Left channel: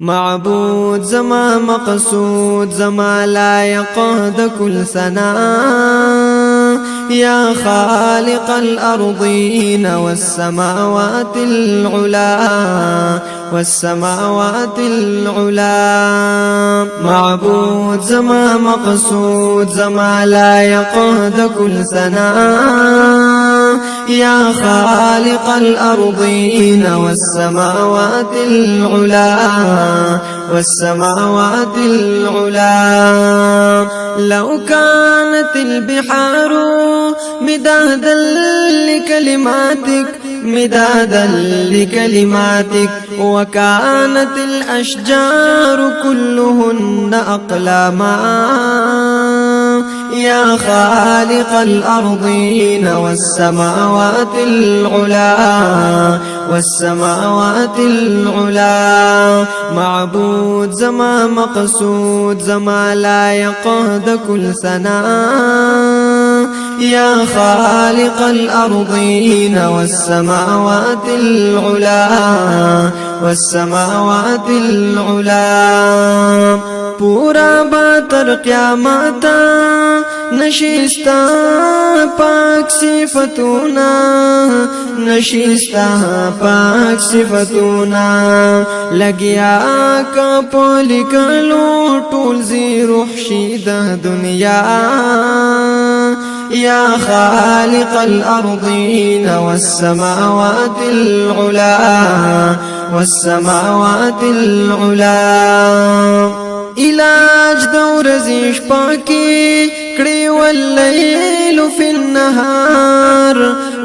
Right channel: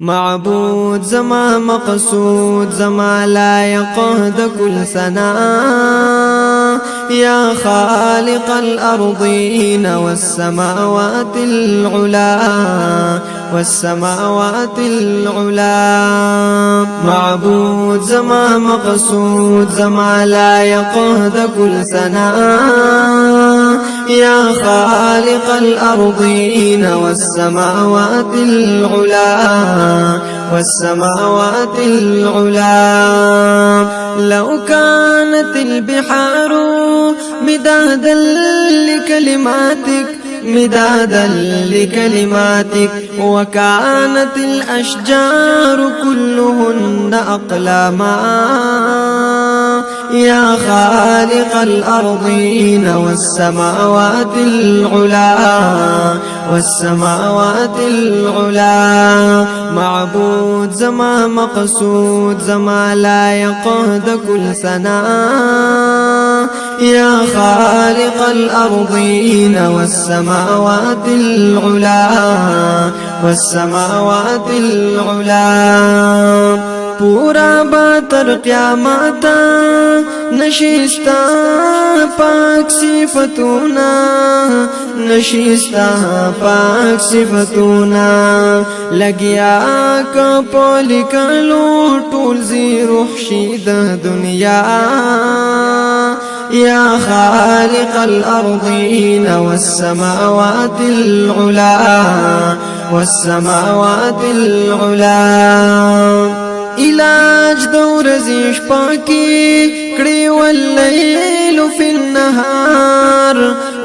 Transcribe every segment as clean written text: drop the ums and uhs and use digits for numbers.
معبود زما مقصود زما لایق د کل ثنا يا خالق الأرضين والسماوات العلا والسماوات العلا. معبود زما مقصود زما لایق د کل ثنا يا خالق الأرضين والسماوات العلا والسماوات العلا. لو كانت البحار مدادا لكلماتك مدادا لكلماتك وكانت الأشجار كلهن أقلاما يا خالق الأرضين والسماوات العلا والسماوات العلا. معبود زما مقصود زما لایق د کل ثنا يا خالق الأرضين والسماوات العلا والسماوات العلا. پورا با تر قیامت نشستا پاک صفتونا نشستا پاک صفتونا لگیا کا پولیکلو ټول زی روح شید دنیا يا خالق الأرضين والسماوات العلا والسماوات العلا. علاج دور زیش پاکی کڑی واللیل فی النهار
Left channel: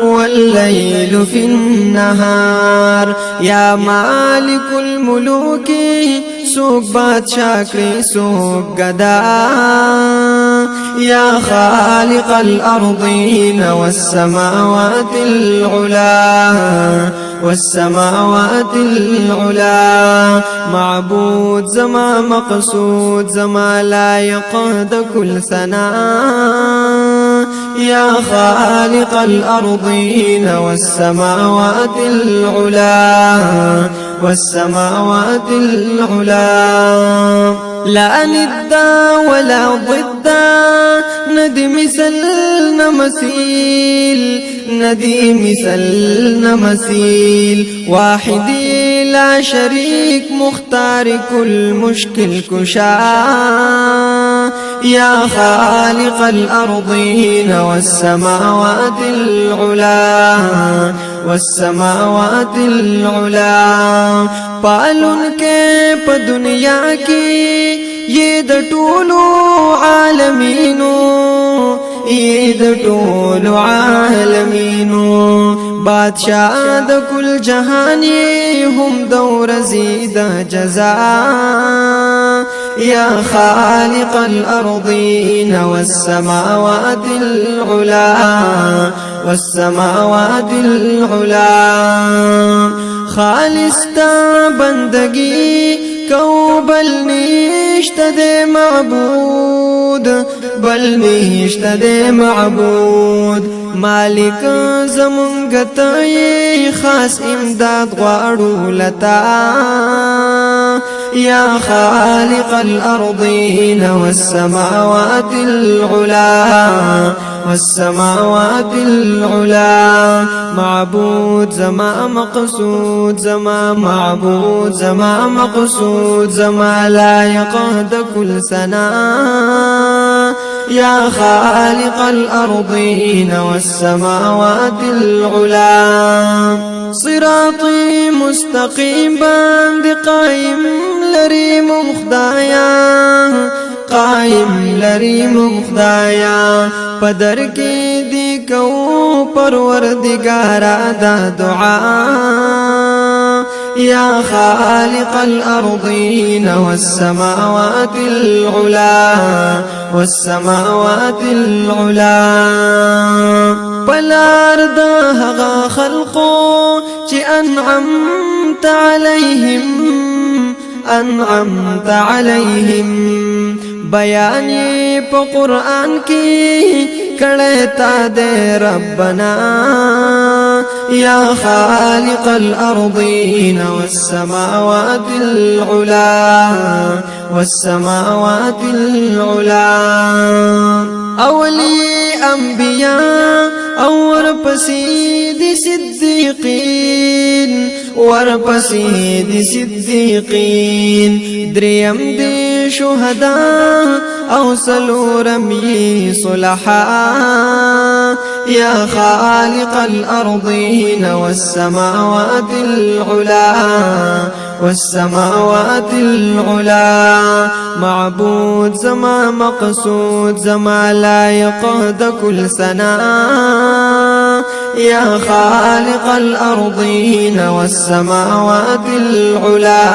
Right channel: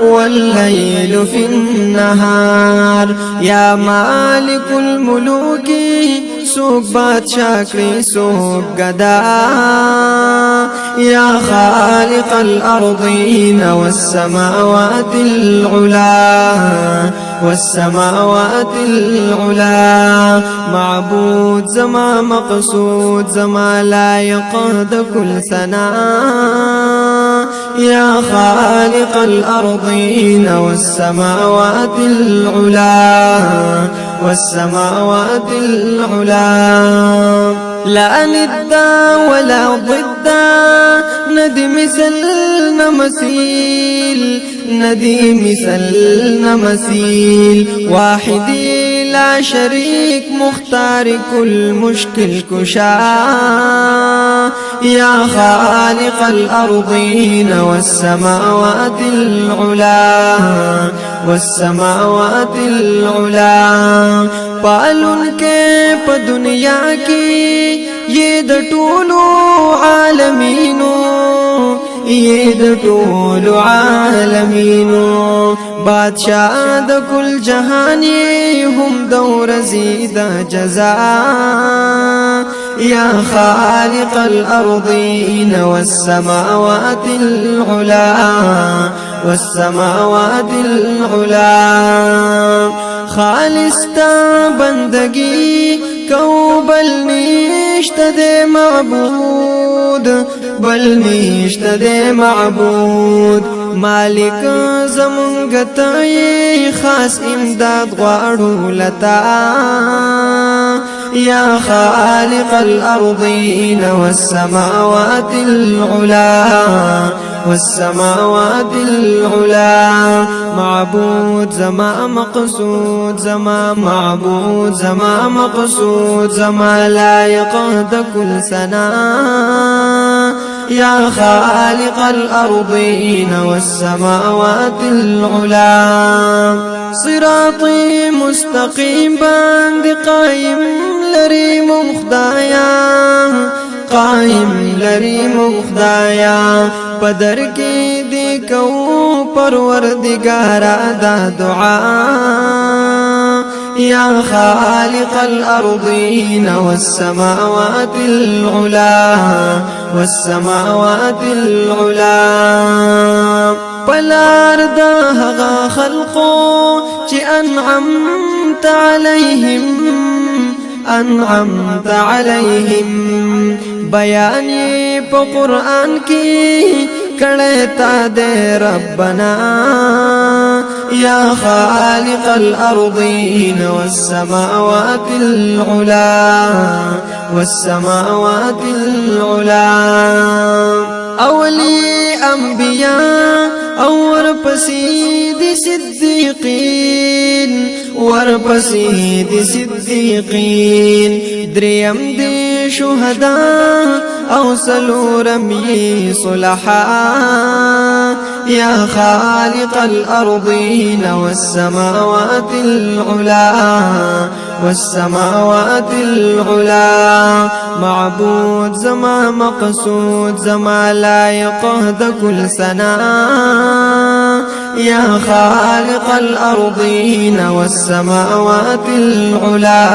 واللیل فی النهار. یا مالک الملوک سوک بادشاہ کڑی سوک گدا يا خالق الأرضين والسماوات العلا والسماوات العلا. معبود زما مقصود زما لایق د کل ثنا يا خالق الأرضين والسماوات العلا والسماوات العلا. لا ندا ولا ضدا ندي مثلنا مثيل ندي مثلنا مثيل. واحدي لا شريك مختار كل مشكل كشا يا خالق الأرضين والسماوات العلا والسماوات العلا. پالن کے پا دنیا کی یہ د ټولو عالمینو یہ د ټولو عالمینو. بادشاہ د کل جہان یہ هم دور زید جزا يا خالق الأرضين والسماوات العلا والسماوات العلا. خالص تا بندگی کو بل نشت دے معبود بل نشت دے معبود. مالک زمونگتای خاص امداد غواړو لتا يا خالق الأرضين والسماوات العلا والسماوات العلا. معبود زما مقصود زما معبود زما مقصود زما لایق د کل ثنا يا خالق الأرضين والسماوات العلا. صراطي مستقيم باند قائم لريم خدایا قائم لريم خدایا. پدر کی دی کو پروردگارا دا دعا يا خالق الأرضين والسماوات العلا والسماوات العلا. پلار دا هغا خلقو چی انعمت عليهم بیانی پا قرآن کی کڑتا دے ربنا يا خالق الأرضين والسماوات العلا والسماوات العلا أولي أنبياء او ورپسې دي صدیقین ورپسې دي صدیقین دریم دي شهدا او سلورم یې صلحاء يا خالق الأرضين والسماوات العلا والسماوات العلا معبود زما مقصود زما لایق د كل سنا يا خالق الأرضين والسماوات العلا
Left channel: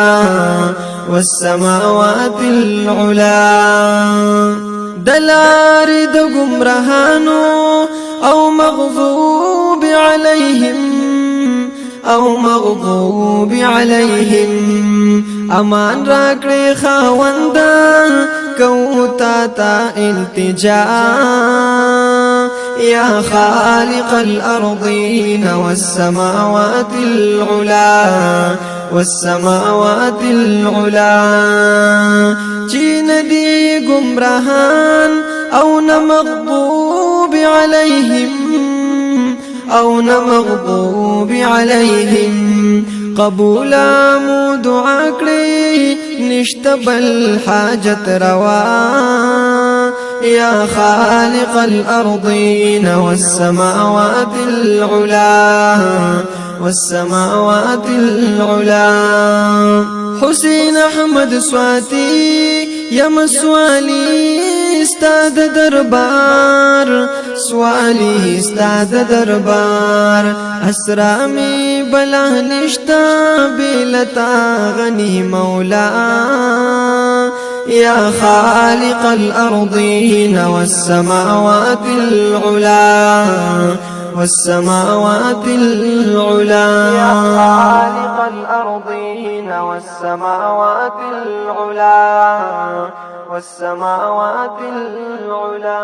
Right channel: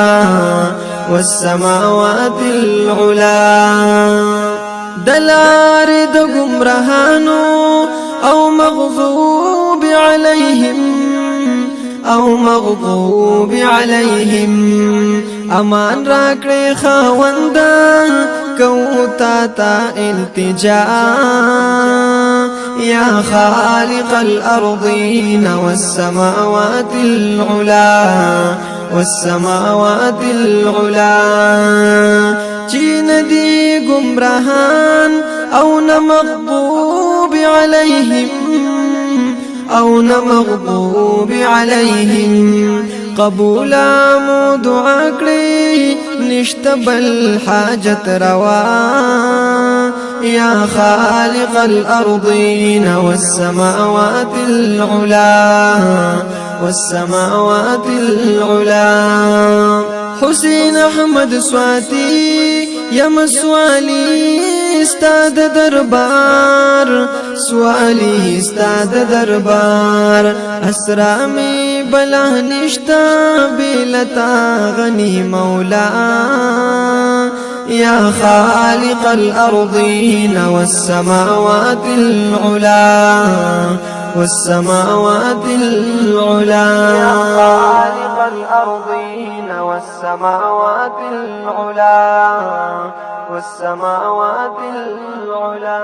والسماوات العلا دلار د گمراهانو او مغضوب عليهم امان راکړې خاوندا کو تا التجا يا خالق الأرضين والسماوات العلا والسماوات العلا چین دی گمراهان او نمغضوب عليهم قبولا مو دعا کړی نشته بل حاجت روا يا خالق الأرضين والسماوات العلا والسماوات العلا حسين احمد سواتی یم سوالی استاد دربار سوالی استاد دربار اسرامی بلا نشتا بلتا غنی مولا يا خالق الأرضين والسماوات العلا والسماوات العلا خالق الأرضين والسماوات العلا والسماوات العلا